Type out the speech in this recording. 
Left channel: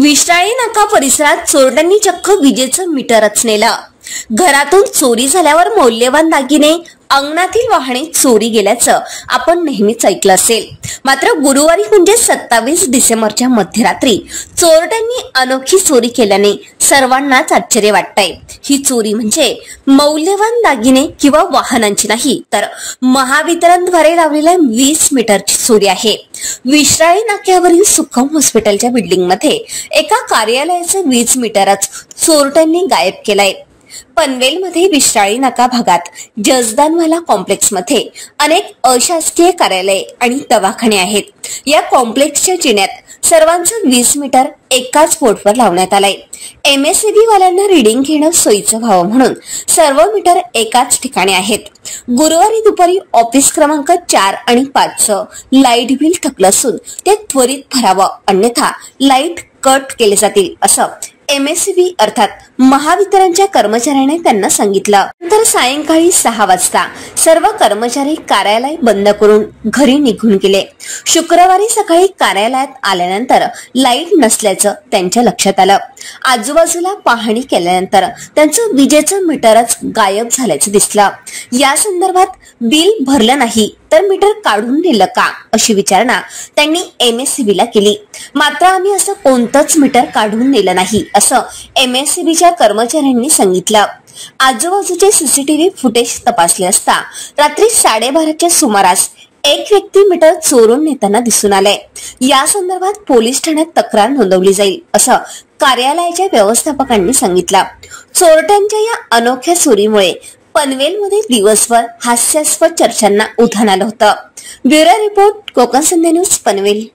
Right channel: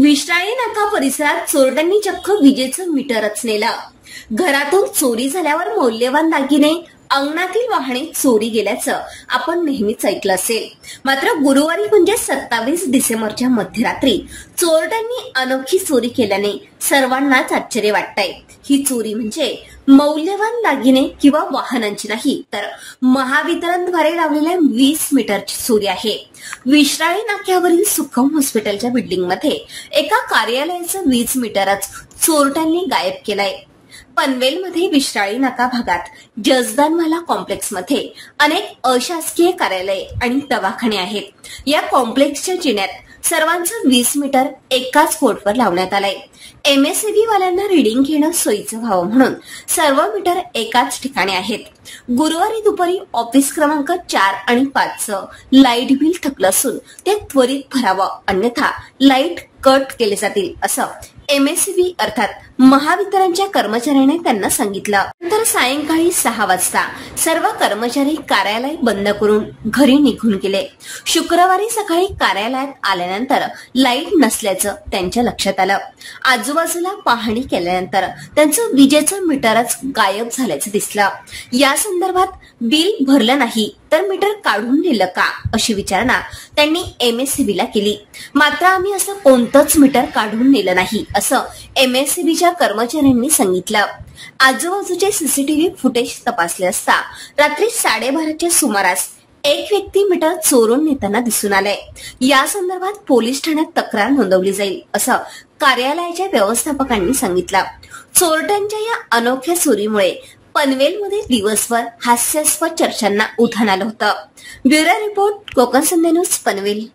विश्राळी नाका परिसरात चोरट्यांनी चक्क विजेचं मीटरच नेलं। घरातून चोरी झाल्यावर मौल्यवान दागिने, अंगणातील वाहने चोरी गेल्याचं आपण नेहमीच ऐकलं असेल। मात्र गुरुवारी म्हणजे 27 डिसेंबरच्या मध्यरात्री चोरट्यांनी अनोखी चोरी केल्याने सर्वांनाच आश्चर्य वाटतंय। ही चोरी म्हणजे मौल्यवान दागिने किंवा वाहनांची नाही, तर महावितरणद्वारे लावलेल्या 20 मीटरची चोरी आहे। विश्राळी नाक्यावरील सुखम हॉस्पिटलच्या बिल्डिंगमध्ये एका कार्यालयाचं 20 मीटरच चोरट्यांनी गायब केलंय। पनवेलमध्ये विश्राळी नाका भागात जजदानवाला कॉम्प्लेक्समध्ये अनेक अशासकीय कार्यालये आणि दवाखाने आहेत। या कॉम्प्लेक्सच्या जिन्यात सर्वांचं 20 मीटर एकाच बोर्डवर लावण्यात आलंय। MSEB वाल्यांना रीडिंग घेणं सोयीचं व्हावं म्हणून सर्व मीटर एकाच ठिकाणी आहेत। गुरुवारी दुपारी ऑफिस क्रमांक 4 आणि 5चं लाईट बिल थकलं असून ते त्वरित भरावं, अन्यथा लाईट कट केले जातील असं MSEB अर्थात महावितरणच्या कर्मचाऱ्याने त्यांना सांगितलं। नंतर सायंकाळी 6 वाजता सर्व कर्मचारी कार्यालय बंद करून घरी निघून गेले। शुक्रवारी सकाळी कार्यालयात आल्यानंतर लाईट नसल्याचं त्यांच्या लक्षात आलं। आजूबाजूला पाहणी केल्यानंतर त्यांचं विजेचं मीटरच गायब झाल्याचं दिसलं। या संदर्भात बिल भरलं नाही तर मीटर काढून नेलं का अशी विचारणा त्यांनी MSEBला केली। मात्र आम्ही असं कोणतंच मीटर काढून नेलं नाही असं MSEBच्या कर्मचाऱ्यांनी सांगितलं। आजूबाजूचे CCTV फुटेज तपासले असता रात्री 12:30च्या सुमारास एक व्यक्ती मीटर चोरून नेताना दिसून आलाय। या संदर्भात पोलीस ठाण्यात तक्रार नोंदवली जाईल असं कार्यालयाच्या व्यवस्थापकांनी सांगितलं। चोरट्यांच्या या अनोख्या चोरीमुळे पनवेलमध्ये दिवसभर हास्यास्पद चर्चांना उधाण आलं होतं। ब्युरो रिपोर्ट, कोकण संध्या न्यूज, पनवेल।